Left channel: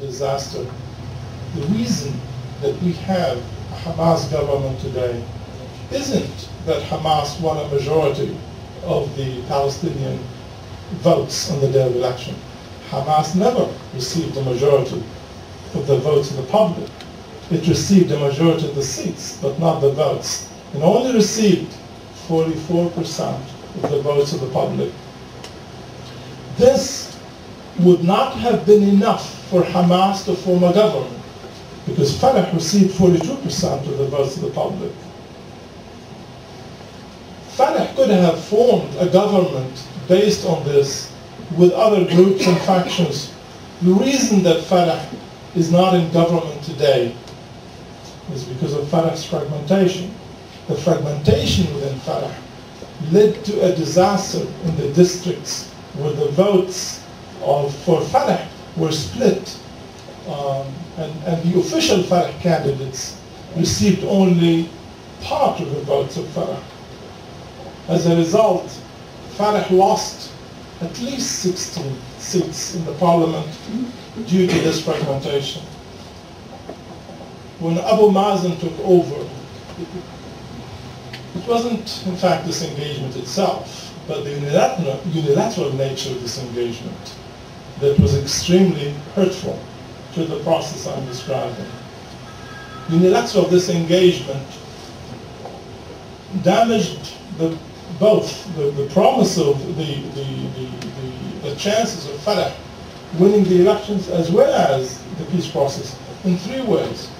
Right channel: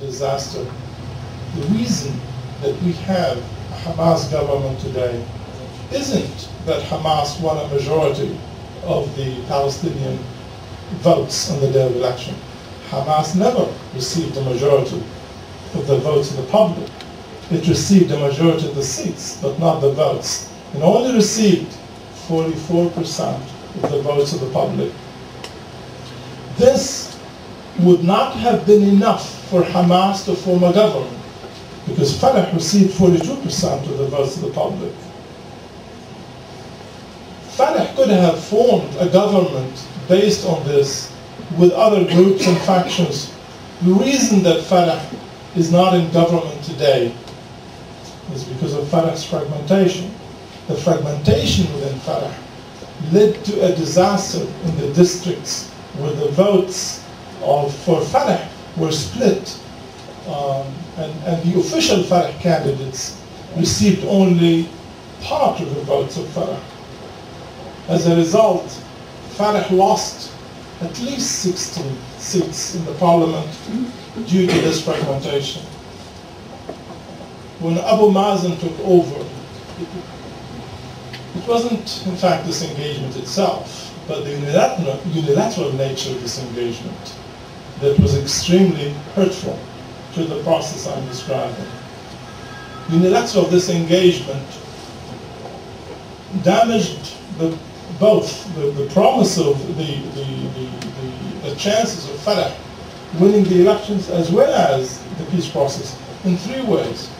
disaster. The reason that we have a Hamas government today isn't that Hamas won a majority of the Palestinian votes on the day of election. Hamas never received a majority of the votes of the public. It received a majority of the seats, but not the votes. It only received 44% of the votes of the public. This would not have been enough for Hamas to form a government, because Fatah received 42% of the votes of the public. Fatah could have formed a government based on this with other groups and factions. The reason that Fatah is not in government today is because of Fatah's fragmentation. The fragmentation within Fatah led to a disaster in the districts where the votes for Fatah were split, and the official Fatah candidates received only part of the votes of Fatah. As a result, Fatah lost at least 16 seats in the parliament due to this fragmentation. When Abu Mazen took over, it wasn't, in fact, this engagement itself, but the unilateral nature of this engagement that was extremely hurtful to the process I'm describing. Unilateral disengagement damaged both the promise of the chances of Fatah winning the elections as well as the peace process in three ways.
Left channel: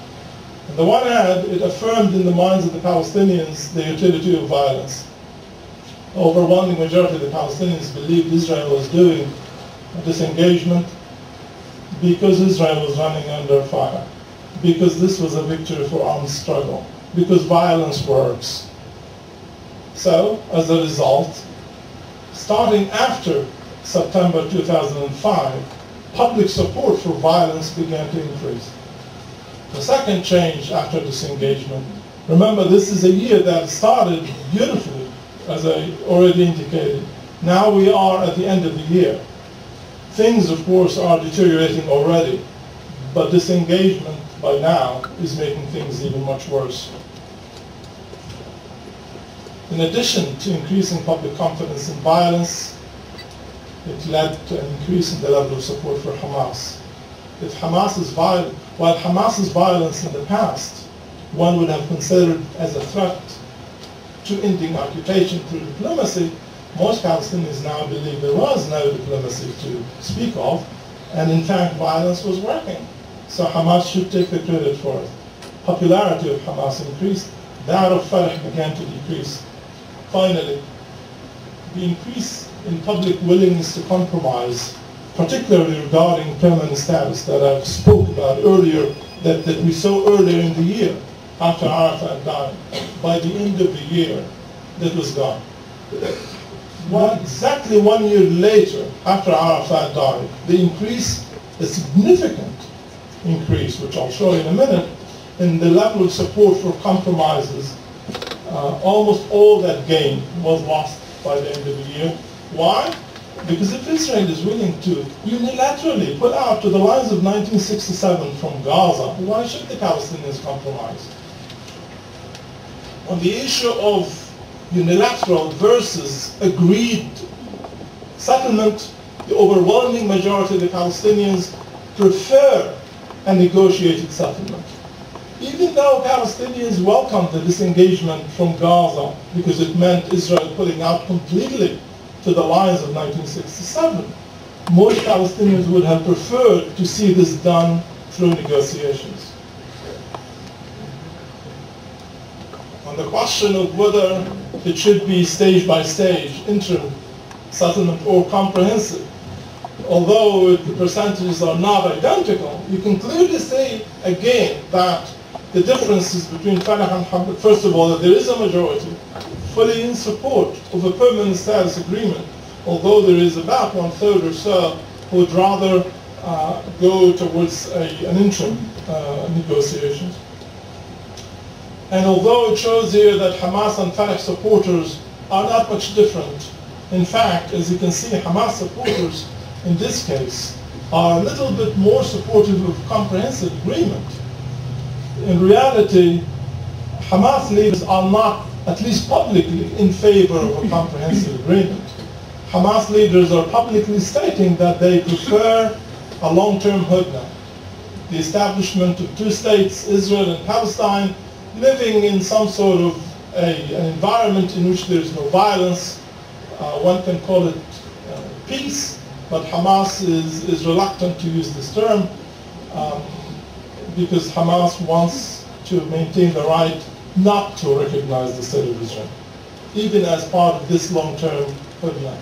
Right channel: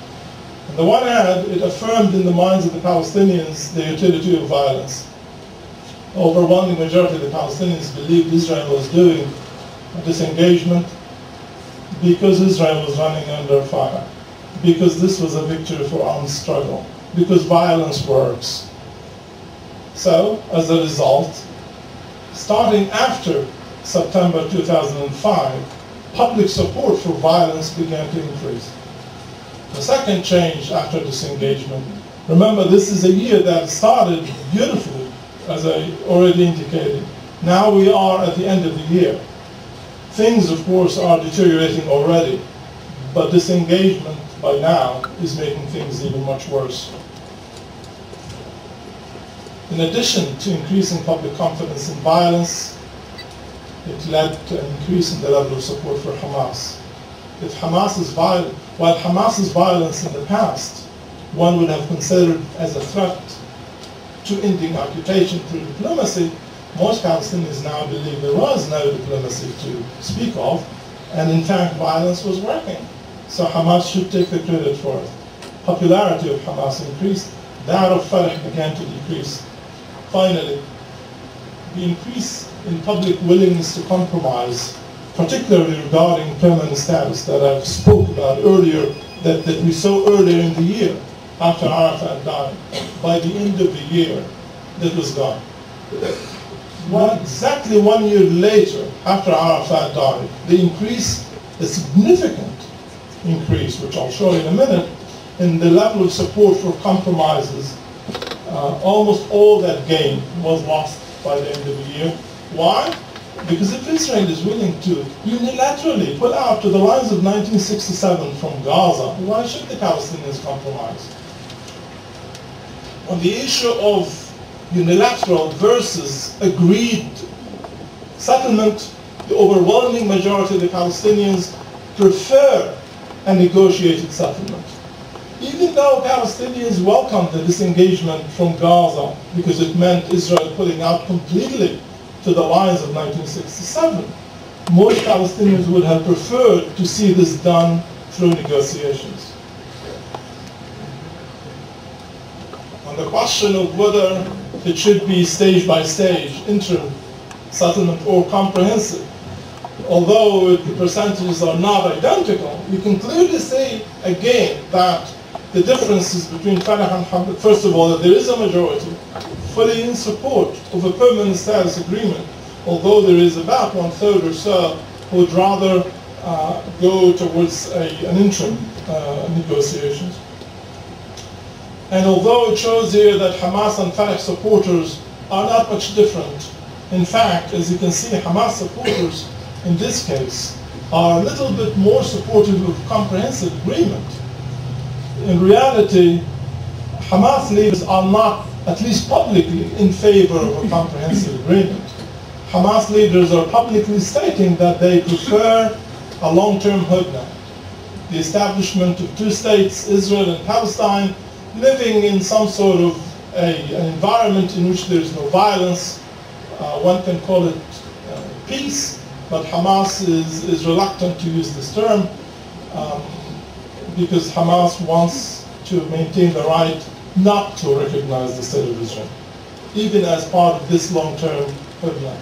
On the one hand, it affirmed in the minds of the Palestinians the utility of violence. The overwhelming majority of the Palestinians believed Israel was doing a disengagement because Israel was running under fire, because this was a victory for armed struggle, because violence works. So, as a result, starting after September 2005, public support for violence began to increase. The second change after disengagement, remember this is a year that started beautifully, as I already indicated. Now we are at the end of the year. Things, of course, are deteriorating already, but disengagement by now is making things even much worse. In addition to increasing public confidence in violence, it led to an increase in the level of support for Hamas. While Hamas's violence in the past, one would have considered as a threat to ending occupation through diplomacy, most Palestinians now believe there was no diplomacy to speak of, and in fact violence was working. So Hamas should take the credit for it. Popularity of Hamas increased, that of Fatah began to decrease. Finally, the increase in public willingness to compromise, particularly regarding permanent status that I spoke about earlier, that we saw earlier in the year after Arafat died. By the end of the year, that was gone. Exactly 1 year later, after Arafat died, the increase, a significant increase, which I'll show you in a minute, in the level of support for compromises. Almost all that gain was lost by the end of the year. Why? Because if Israel is willing to unilaterally pull out to the lines of 1967 from Gaza, why should the Palestinians compromise? On the issue of unilateral versus agreed settlement, the overwhelming majority of the Palestinians prefer a negotiated settlement. Even though Palestinians welcomed the disengagement from Gaza because it meant Israel pulling out completely to the lines of 1967, most Palestinians would have preferred to see this done through negotiations. On the question of whether it should be stage by stage, interim settlement or comprehensive, although the percentages are not identical, you can clearly say again that the differences between Fatah and Hamas, first of all, that there is a majority fully in support of a permanent status agreement, although there is about 1/3 or so who would rather go towards an interim negotiations. And although it shows here that Hamas and Fatah supporters are not much different, in fact, as you can see, Hamas supporters in this case are a little bit more supportive of comprehensive agreement. In reality, Hamas leaders are not, at least publicly, in favor of a comprehensive agreement. Hamas leaders are publicly stating that they prefer a long-term hudna, the establishment of two states, Israel and Palestine, living in some sort of an environment in which there is no violence. One can call it peace, but Hamas is reluctant to use this term because Hamas wants to maintain the right not to recognize the state of Israel, even as part of this long-term hudna.